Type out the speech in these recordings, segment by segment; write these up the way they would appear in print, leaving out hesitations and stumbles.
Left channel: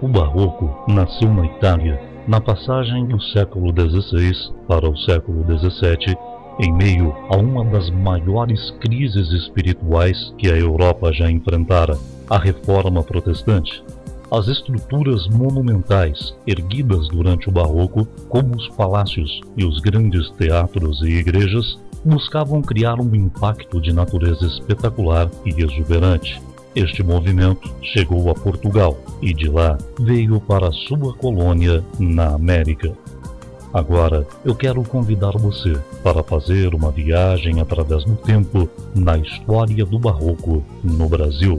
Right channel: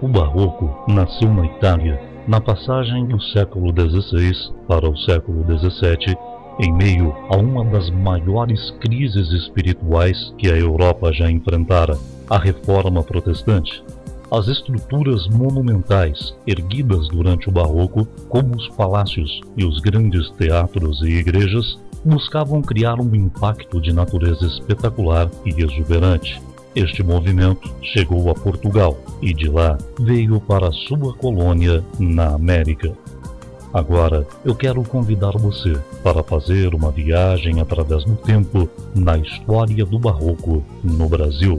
O barroco nasceu na Itália, na passagem do século XVI para o século XVII, em meio a uma das maiores crises espirituais que a Europa já enfrentara, a Reforma Protestante. As estruturas monumentais erguidas durante o barroco, como os palácios e os grandes teatros e igrejas, buscavam criar um impacto de natureza espetacular e exuberante. Este movimento chegou a Portugal e de lá veio para sua colônia na América. Agora eu quero convidar você para fazer uma viagem através do tempo na história do barroco no Brasil.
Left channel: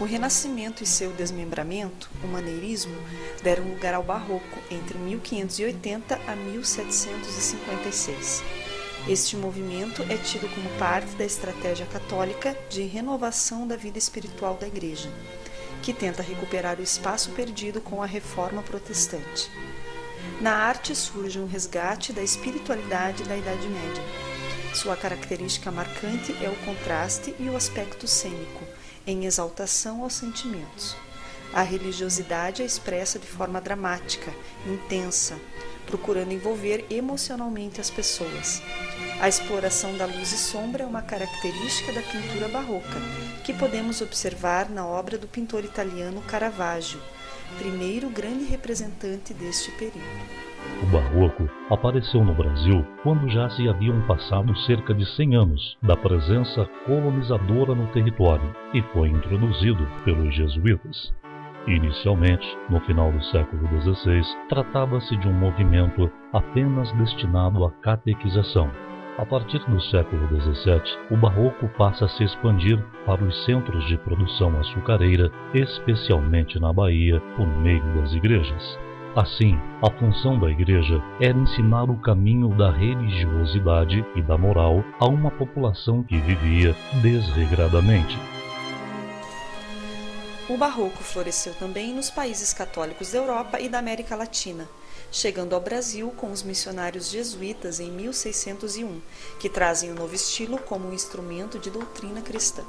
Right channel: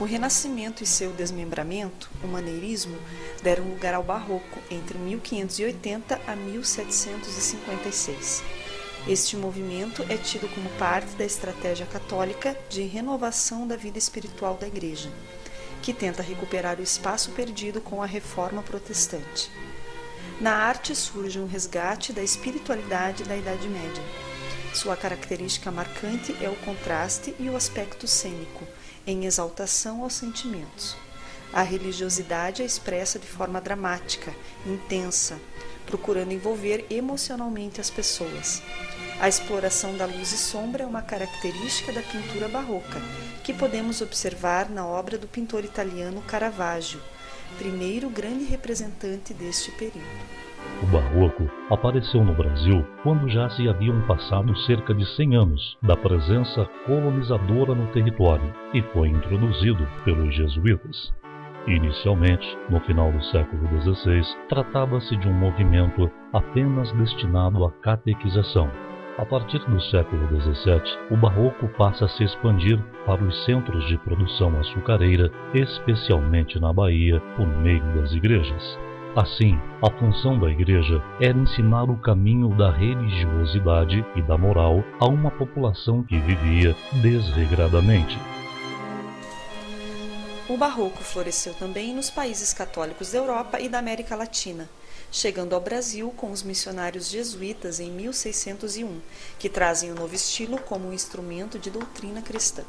O Renascimento e seu desmembramento, o maneirismo, deram lugar ao Barroco entre 1580 a 1756. Este movimento é tido como parte da estratégia católica de renovação da vida espiritual da Igreja, que tenta recuperar o espaço perdido com a Reforma Protestante. Na arte surge um resgate da espiritualidade da Idade Média. Sua característica marcante é o contraste e o aspecto cênico, em exaltação aos sentimentos. A religiosidade é expressa de forma dramática, intensa, procurando envolver emocionalmente as pessoas. A exploração da luz e sombra é uma característica da pintura barroca, que podemos observar na obra do pintor italiano Caravaggio, primeiro grande representante deste período. O barroco apareceu no Brasil quando já se haviam passado cerca de 100 anos da presença colonizadora no território e foi introduzido pelos jesuítas. Inicialmente, no final do século XVI, tratava-se de um movimento apenas destinado à catequização. A partir do século XVII, o barroco passa a se expandir para os centros de produção açucareira, especialmente na Bahia, por meio das igrejas. Assim, a função da Igreja era ensinar o caminho da religiosidade e da moral a uma população que vivia desregradamente. O Barroco floresceu também nos países católicos da Europa e da América Latina, chegando ao Brasil com os missionários jesuítas em 1601, que trazem o novo estilo como um instrumento de doutrina cristã.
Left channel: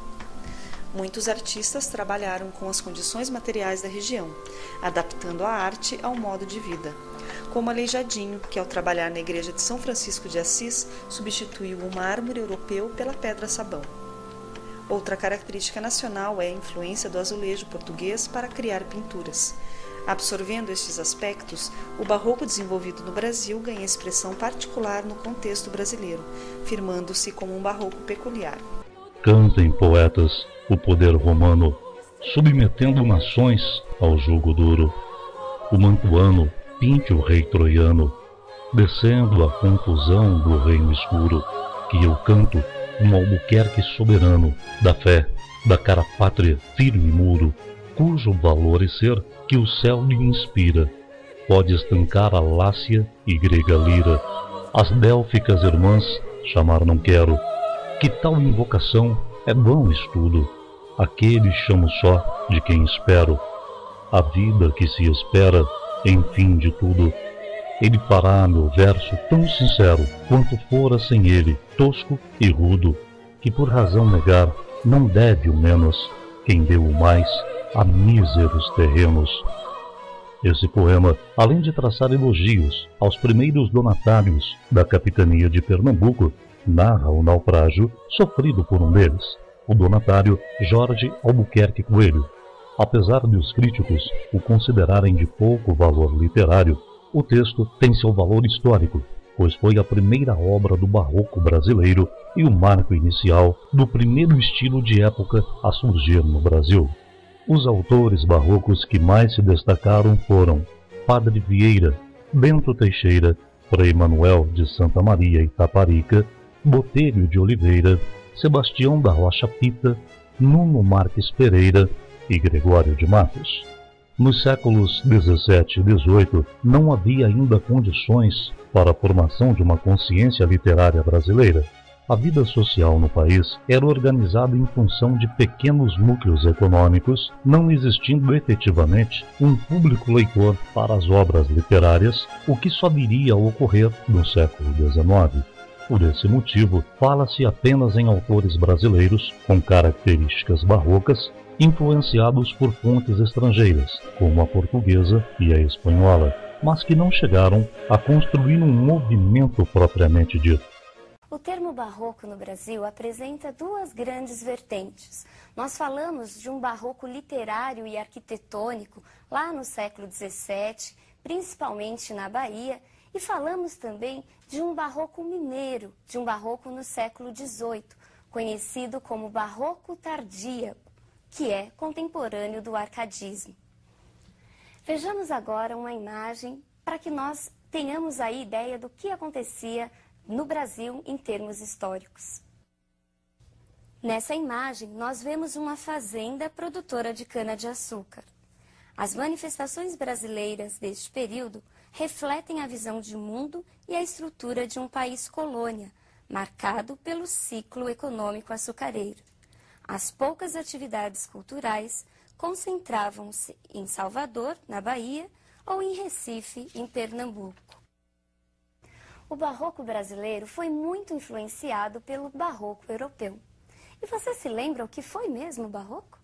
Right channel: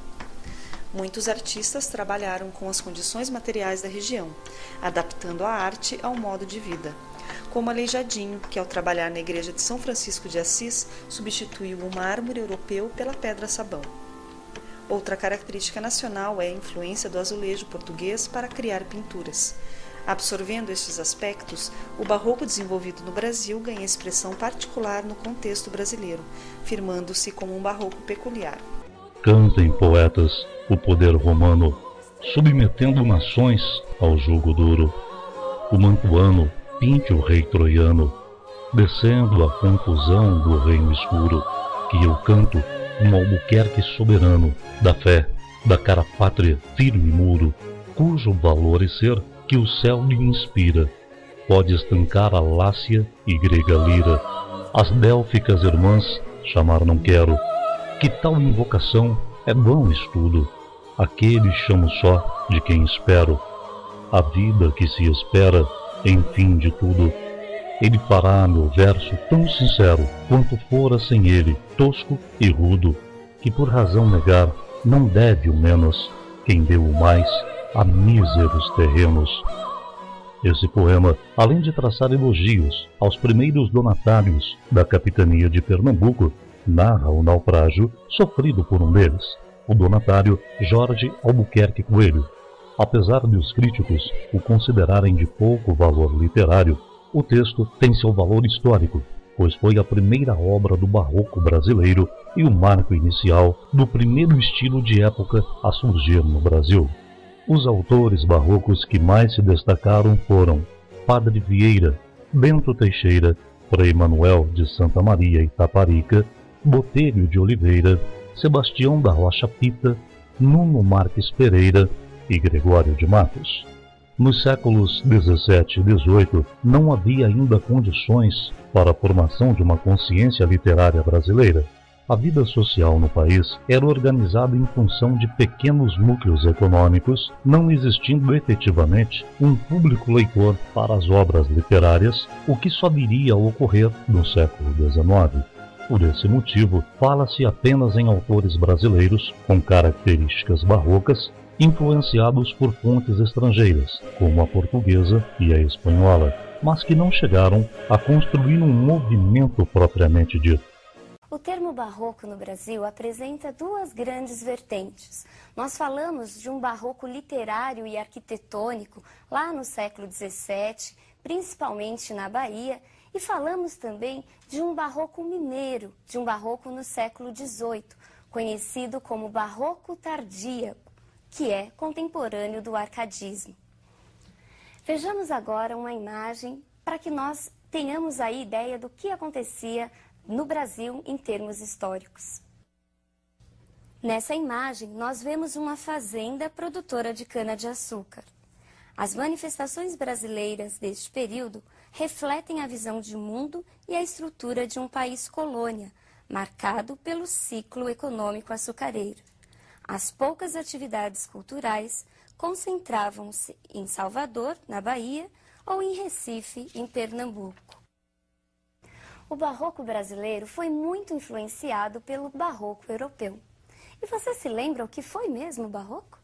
Muitos artistas trabalharam com as condições materiais da região, adaptando a arte ao modo de vida, como Aleijadinho, que ao trabalhar na igreja de São Francisco de Assis, substituiu o mármore europeu pela pedra-sabão. Outra característica nacional é a influência do azulejo português para criar pinturas. Absorvendo estes aspectos, o barroco desenvolvido no Brasil ganha expressão particular no contexto brasileiro, firmando-se como um barroco peculiar. Cantem, poetas, o poder romano, submetendo nações ao jugo duro. O mantuano pinte o rei troiano, descendo a confusão do reino escuro, que eu canto um Albuquerque soberano, da fé, da cara pátria firme muro, cujo valor e ser que o céu lhe inspira, pode estancar a Lácia e grega lira, as délficas irmãs chamar não quero, que tal invocação é bom estudo, aquele chamo só de quem espero, a vida que se espera, enfim de tudo. Ele fará meu verso tão sincero quanto fora sem ele, tosco e rudo, que por razão negar não deve o menos quem deu o mais a míseros terrenos. Esse poema, além de traçar elogios aos primeiros donatários da capitania de Pernambuco, narra o naufrágio sofrido por um deles, o donatário Jorge Albuquerque Coelho. Apesar de os críticos o considerarem de pouco valor literário, o texto tem seu valor histórico, pois foi a primeira obra do barroco brasileiro e o marco inicial do primeiro estilo de época a surgir no Brasil. Os autores barrocos que mais se destacaram foram Padre Vieira, Bento Teixeira, Frei Manuel de Santa Maria Itaparica, Botelho de Oliveira, Sebastião da Rocha Pita, Nuno Marques Pereira e Gregório de Matos. Nos séculos XVII e XVIII não havia ainda condições para a formação de uma consciência literária brasileira. A vida social no país era organizada em função de pequenos núcleos econômicos, não existindo efetivamente um público leitor para as obras literárias, o que só viria a ocorrer no século XIX. Por esse motivo, fala-se apenas em autores brasileiros com características barrocas, influenciados por fontes estrangeiras, como a portuguesa e a espanhola, mas que não chegaram a construir um movimento propriamente dito. O termo barroco no Brasil apresenta duas grandes vertentes. Nós falamos de um barroco literário e arquitetônico lá no século XVII, principalmente na Bahia, e falamos também de um barroco mineiro, de um barroco no século XVIII, conhecido como barroco tardíaco, que é contemporâneo do arcadismo. Vejamos agora uma imagem para que nós tenhamos a ideia do que acontecia no Brasil em termos históricos. Nessa imagem, nós vemos uma fazenda produtora de cana-de-açúcar. As manifestações brasileiras deste período refletem a visão de mundo e a estrutura de um país colônia, marcado pelo ciclo econômico açucareiro. As poucas atividades culturais concentravam-se em Salvador, na Bahia, ou em Recife, em Pernambuco. O barroco brasileiro foi muito influenciado pelo barroco europeu. E você se lembra o que foi mesmo o barroco?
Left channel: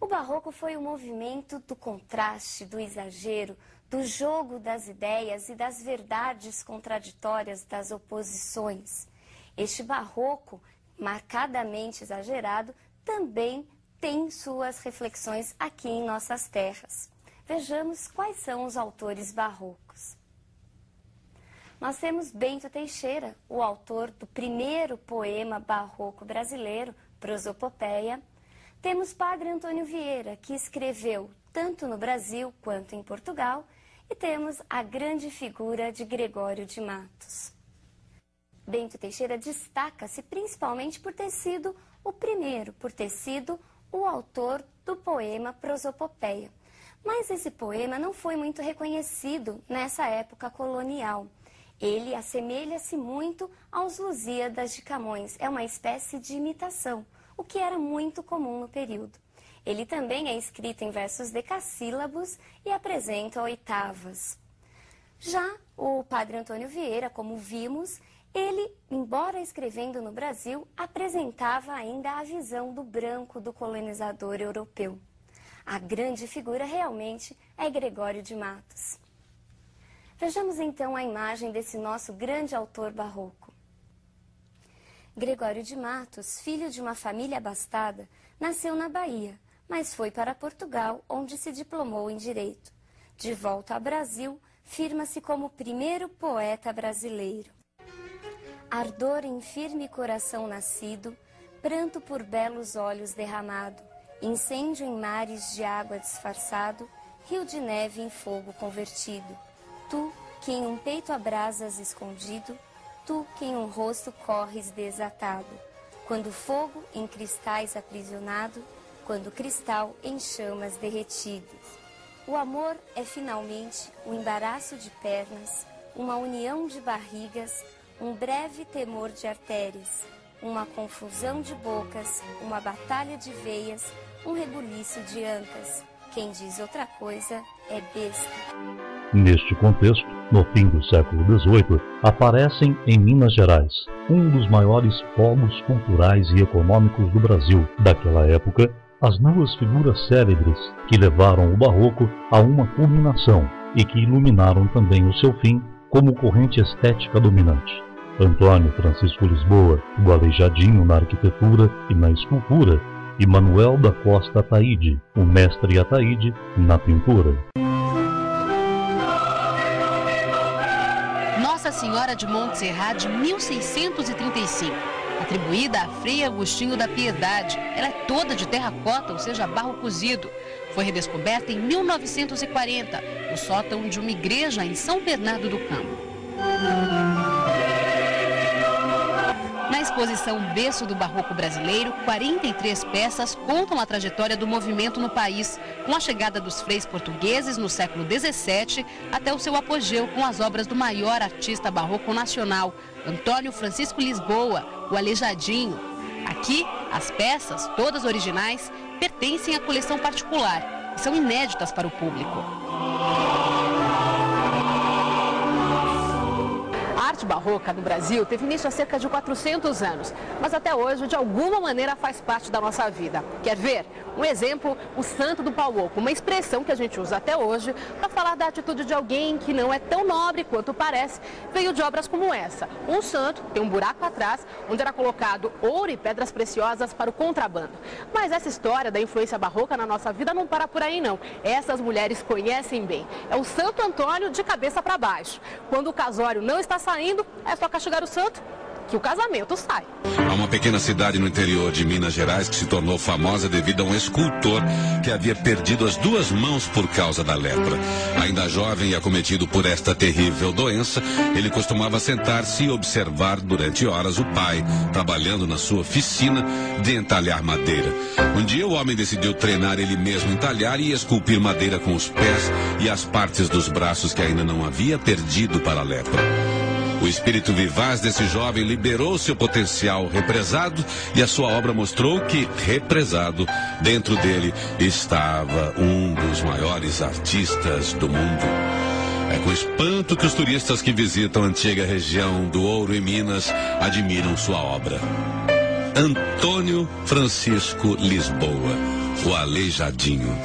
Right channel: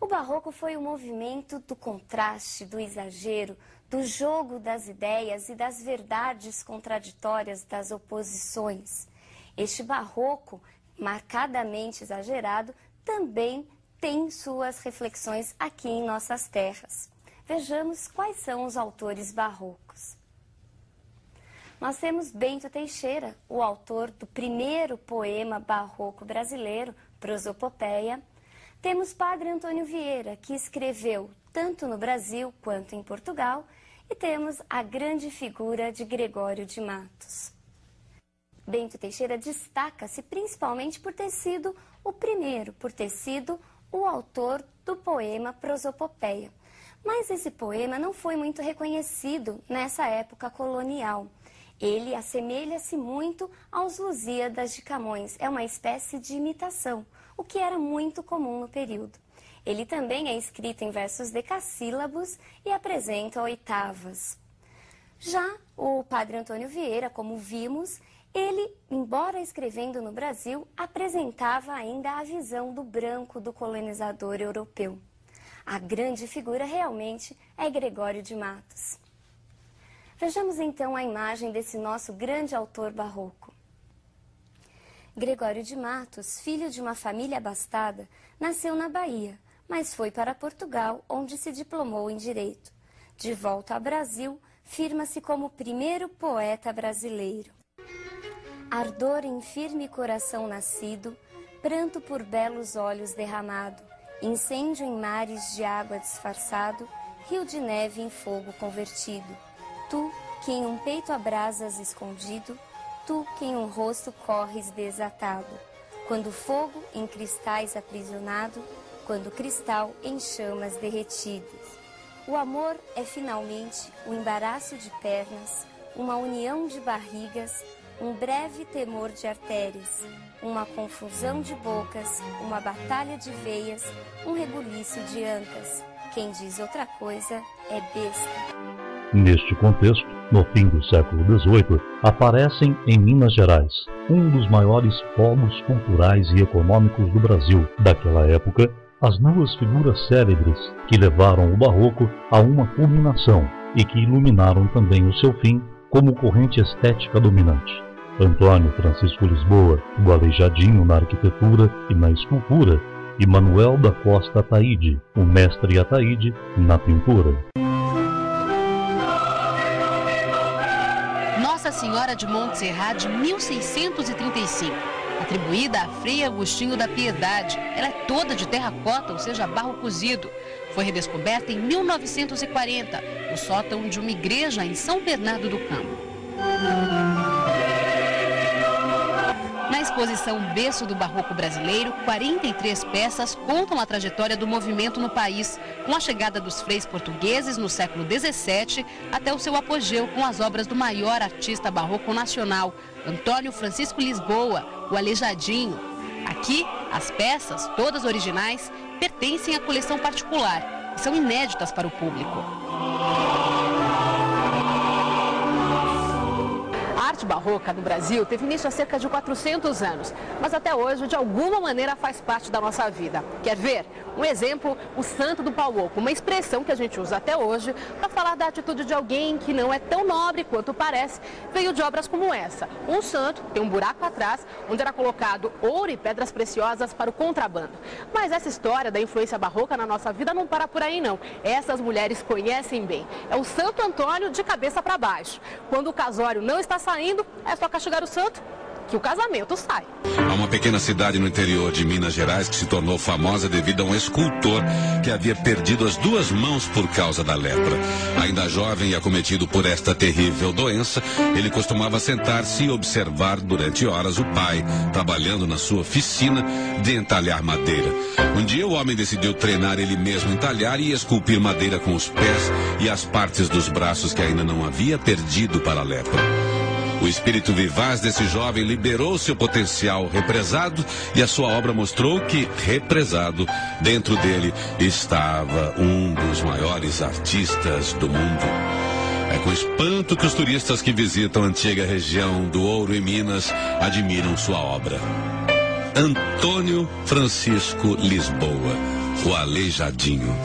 O barroco foi o movimento do contraste, do exagero, do jogo das ideias e das verdades contraditórias das oposições. Este barroco, marcadamente exagerado, também tem suas reflexões aqui em nossas terras. Vejamos quais são os autores barrocos. Nós temos Bento Teixeira, o autor do primeiro poema barroco brasileiro, Prosopopeia. Temos Padre Antônio Vieira, que escreveu tanto no Brasil quanto em Portugal. E temos a grande figura de Gregório de Matos. Bento Teixeira destaca-se principalmente por ter sido o primeiro, por ter sido o autor do poema Prosopopeia. Mas esse poema não foi muito reconhecido nessa época colonial. Ele assemelha-se muito aos Lusíadas de Camões, é uma espécie de imitação, o que era muito comum no período. Ele também é escrito em versos decassílabos e apresenta oitavas. Já o Padre Antônio Vieira, como vimos, ele, embora escrevendo no Brasil, apresentava ainda a visão do branco do colonizador europeu. A grande figura realmente é Gregório de Matos. Vejamos então a imagem desse nosso grande autor barroco. Gregório de Matos, filho de uma família abastada, nasceu na Bahia, mas foi para Portugal, onde se diplomou em Direito. De volta ao Brasil, firma-se como o primeiro poeta brasileiro. Ardor em firme coração nascido, pranto por belos olhos derramado, incêndio em mares de água disfarçado, rio de neve em fogo convertido. Tu, que em um peito abrasas escondido, tu, que em um rosto corres desatado, quando fogo em cristais aprisionado, quando cristal em chamas derretidas. O amor é finalmente o embaraço de pernas, uma união de barrigas, um breve temor de artérias, uma confusão de bocas, uma batalha de veias, um rebuliço de ancas. Quem diz outra coisa é besta. Neste contexto, no fim do século XVIII, aparecem em Minas Gerais, um dos maiores polos culturais e econômicos do Brasil daquela época, as duas figuras célebres que levaram o barroco a uma culminação e que iluminaram também o seu fim como corrente estética dominante. Antônio Francisco Lisboa, o Aleijadinho na arquitetura e na escultura, e Manuel da Costa Ataíde, o mestre Ataíde, na pintura. Nossa Senhora de Montserrat, de 1635, atribuída a Frei Agostinho da Piedade. Ela é toda de terracota, ou seja, barro cozido. Foi redescoberta em 1940, no sótão de uma igreja em São Bernardo do Campo. Na exposição Berço do Barroco Brasileiro, 43 peças contam a trajetória do movimento no país, com a chegada dos freis portugueses no século XVII até o seu apogeu com as obras do maior artista barroco nacional, Antônio Francisco Lisboa, o Aleijadinho. Aqui, as peças, todas originais, pertencem à coleção particular e são inéditas para o público. A arte barroca no Brasil teve início há cerca de 400 anos, mas até hoje, de alguma maneira, faz parte da nossa vida. Quer ver? Um exemplo, o Santo do Pau Oco, uma expressão que a gente usa até hoje para falar da atitude de alguém que não é tão nobre quanto parece, veio de obras como essa. Um santo tem um buraco atrás, onde era colocado ouro e pedras preciosas para o contrabando. Mas essa história da influência barroca na nossa vida não para por aí, não. Essas mulheres conhecem bem. É o Santo Antônio de cabeça para baixo. Quando o casório não está saindo, é só castigar o santo que o casamento sai. Há uma pequena cidade no interior de Minas Gerais que se tornou famosa devido a um escultor que havia perdido as duas mãos por causa da lepra. Ainda jovem e acometido por esta terrível doença, ele costumava sentar-se e observar durante horas o pai, trabalhando na sua oficina de entalhar madeira. Um dia o homem decidiu treinar ele mesmo entalhar e esculpir madeira com os pés e as partes dos braços que ainda não havia perdido para a lepra. O espírito vivaz desse jovem liberou seu potencial represado e a sua obra mostrou que, represado, dentro dele estava um dos maiores artistas do mundo. É com espanto que os turistas que visitam a antiga região do Ouro em Minas admiram sua obra. Antônio Francisco Lisboa, o Aleijadinho.